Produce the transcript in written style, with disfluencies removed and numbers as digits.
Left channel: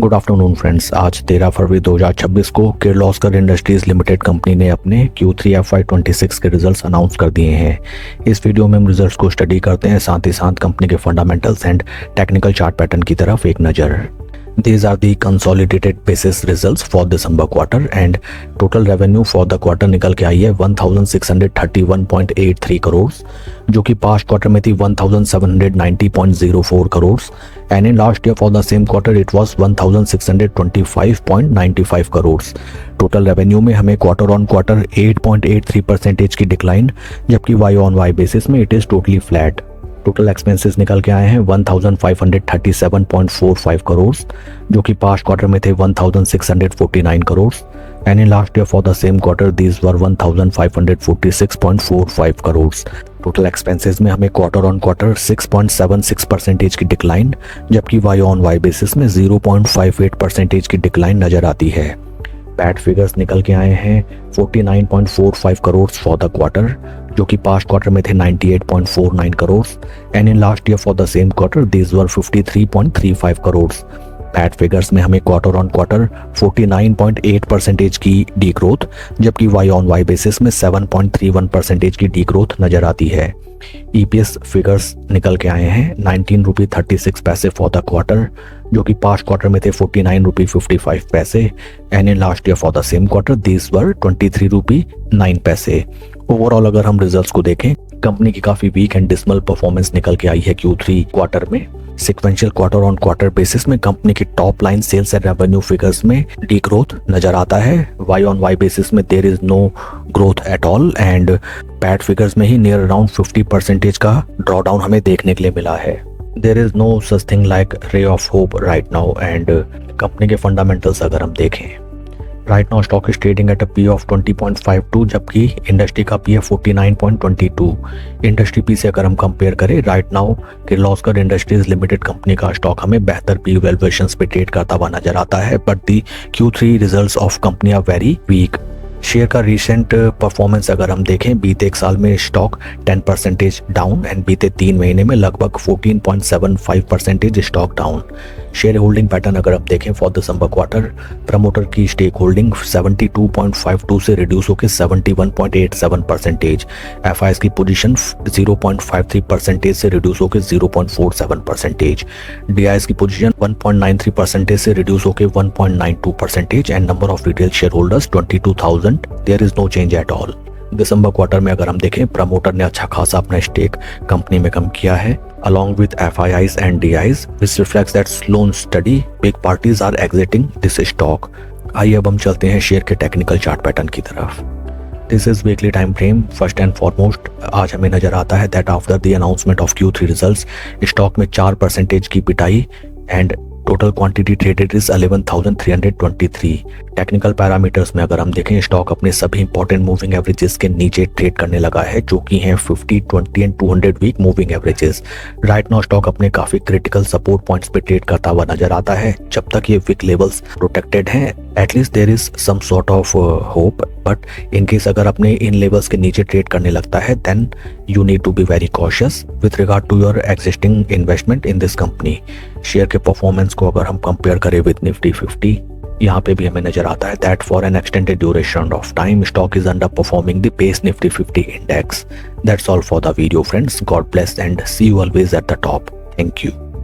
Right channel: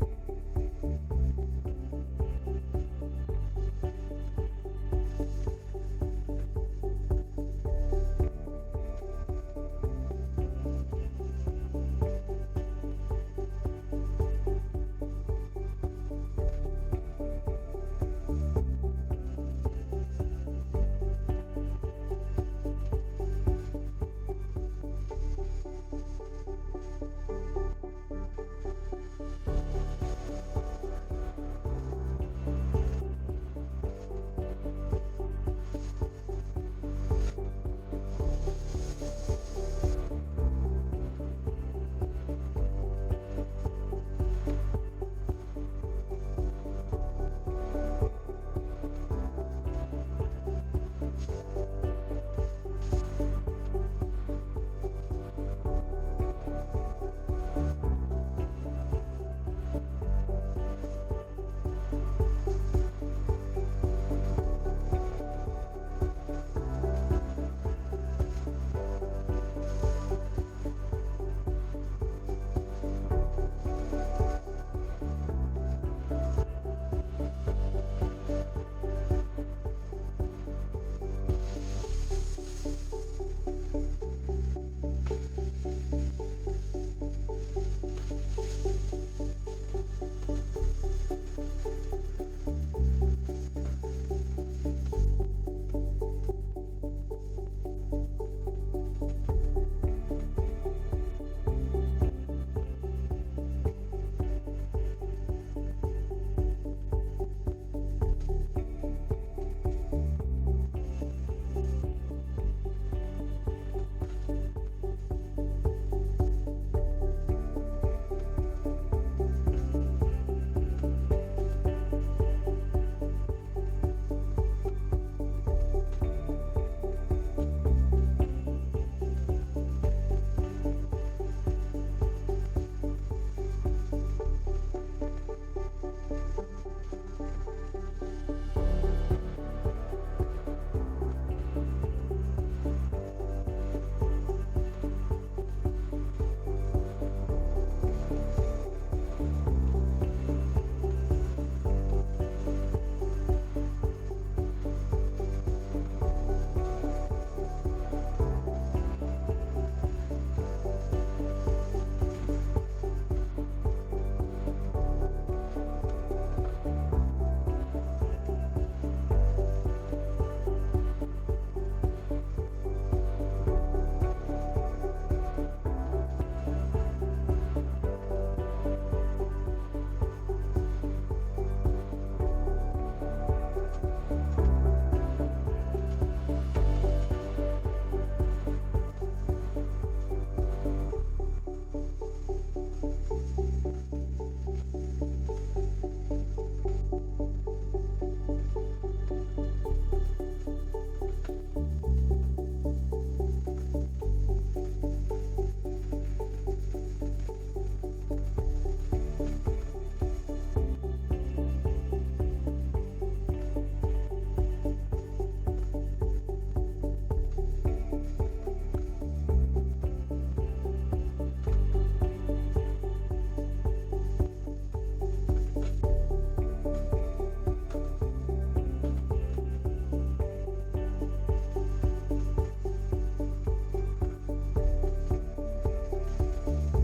Good afternoon friends. आज 13 फरवरी 2026 को Kirloskar industries limited company ने अपने Q3 FY26 के रिजल्ट्स अनाउंस कर दिए हैं। इस वीडियो में हम रिजल्ट्स को स्टडी करते हैं, साथ ही साथ कंपनी के fundamentals and technical chart pattern की तरफ एक नज़र। These are the consolidated basis results for December quarter and total revenue for the quarter निकल के आई है 1631.83 करोड़, जो कि पास्ट क्वार्टर में थी 1790.04 crore and in last year for the same quarter it was 1625.95 crore. Total revenue में हमें क्वार्टर ऑन क्वार्टर 8.83% की डिक्लाइन, जबकि वाई ऑन वाई बेसिस में it is totally flat. Total expenses निकल के आए हैं 1537.45 करोड़, जो कि पास्ट क्वार्टर में थे 1649 crore and in last year for the same quarter these were 1546.45 crore. Total expenses में हमें क्वार्टर ऑन क्वार्टर 6.76% की डिक्लाइन, जबकि वाई ऑन वाई बेसिस में 0.58% की डिक्लाइन नजर आती है। पैट फिगर्स निकल के आए हैं 49.45 करोड़ फॉर द क्वार्टर, जो कि पास्ट क्वार्टर में थे 98.49 crore and in last year for the same quarter these were 53.35 crore. PAT figures में हमें क्वार्टर ऑन क्वार्टर 49.8% की डी ग्रोथ, जबकि वाई ऑन वाई बेसिस में 7.31% की डी ग्रोथ नजर आती है। EPS फिगर्स निकल के आए हैं 19 रुपी 36 पैसे फॉर द क्वार्टर, जो कि पास्ट क्वार्टर में थे 49 रुपी 55 पैसे and in last year for the same quarter these were 23 रुपी 9 पैसे। ओवरऑल अगर हम रिजल्ट्स को देखें, कंपनी की काफी वीक एंड डिसमल परफॉर्मेंस निकल के आई है Q3 क्वार्टर में। Sequential quarter on quarter basis में कंपनी की top line sales and revenue figures में डी ग्रोथ नजर आता है। वाई ऑन वाई बेसिस में there is no growth at all and PAT figures में ही नियर अराउंड 50% का ड्रॉडाउन हमें देखने के लिए मिला है। There is no such thing like ray of hope right now and company के फंडामेंटल्स अगर हम देखें, right now stock is trading at a P of 20.52, जबकि इंडस्ट्री का पी है 49.22। इंडस्ट्री पी से अगर हम कंपेयर करें, right now Kirloskar industries limited company का स्टॉक हमें बेहतर पी वैल्यूएशंस पे ट्रेड करता हुआ नजर आता है, but the Q3 results of company are very weak. Share का रिसेंट परफॉर्मेंस अगर हम देखें, बीते एक साल में स्टॉक 10% डाउन एंड बीते 3 महीने में लगभग 14.75% stock down. Share holding pattern अगर हम देखें फॉर दिसंबर क्वार्टर, प्रमोटर की स्टेक होल्डिंग 72.52 से रिड्यूस होकर 71.87%, FIs की पोजीशन 0.53% से रिड्यूस होकर 0.47%, DIs की पोजीशन 1.93% से रिड्यूस होकर 1.92% and number of retail share holders 22,000। There is no change at all. दिसंबर क्वार्टर में अगर हम देखें, प्रमोटर ने अच्छा खासा अपना स्टेक कंपनी में कम किया है along with FIIs and DIs, which reflects that slow and steady big parties are exiting this stock। आइए अब हम चलते हैं शेयर के टेक्निकल चार्ट पैटर्न की तरफ। This is weekly time frame. First and foremost आज हमें नजर आता है that after the announcement of Q3 results stock में 4% की पिटाई and total quantity traded is 11,323। Technical parameters में अगर हम देखें, स्टॉक अपने सभी इंपॉर्टेंट मूविंग एवरेजेस के नीचे ट्रेड करने लगा है, जो कि हैं 50, 20 and 200 week moving averages. Right now stock अपने काफी क्रिटिकल सपोर्ट पॉइंट्स पे ट्रेड करता हुआ नजर आता है। जब तक ये वीक लेवल्स प्रोटेक्टेड हैं, at least there is some sort of hope, but in case अगर अपने इन लेवल्स के नीचे ट्रेड करने लगता है, then you need to be very cautious with regard to your existing investment in this company. Share के performance को अगर हम कंपेयर करें विद निफ्टी 50, यहाँ पे भी हमें नजर आता है that for an extended duration of time stock is underperforming the base Nifty 50 index. That's all for the video friends. God bless and see you always at the top. Thank you.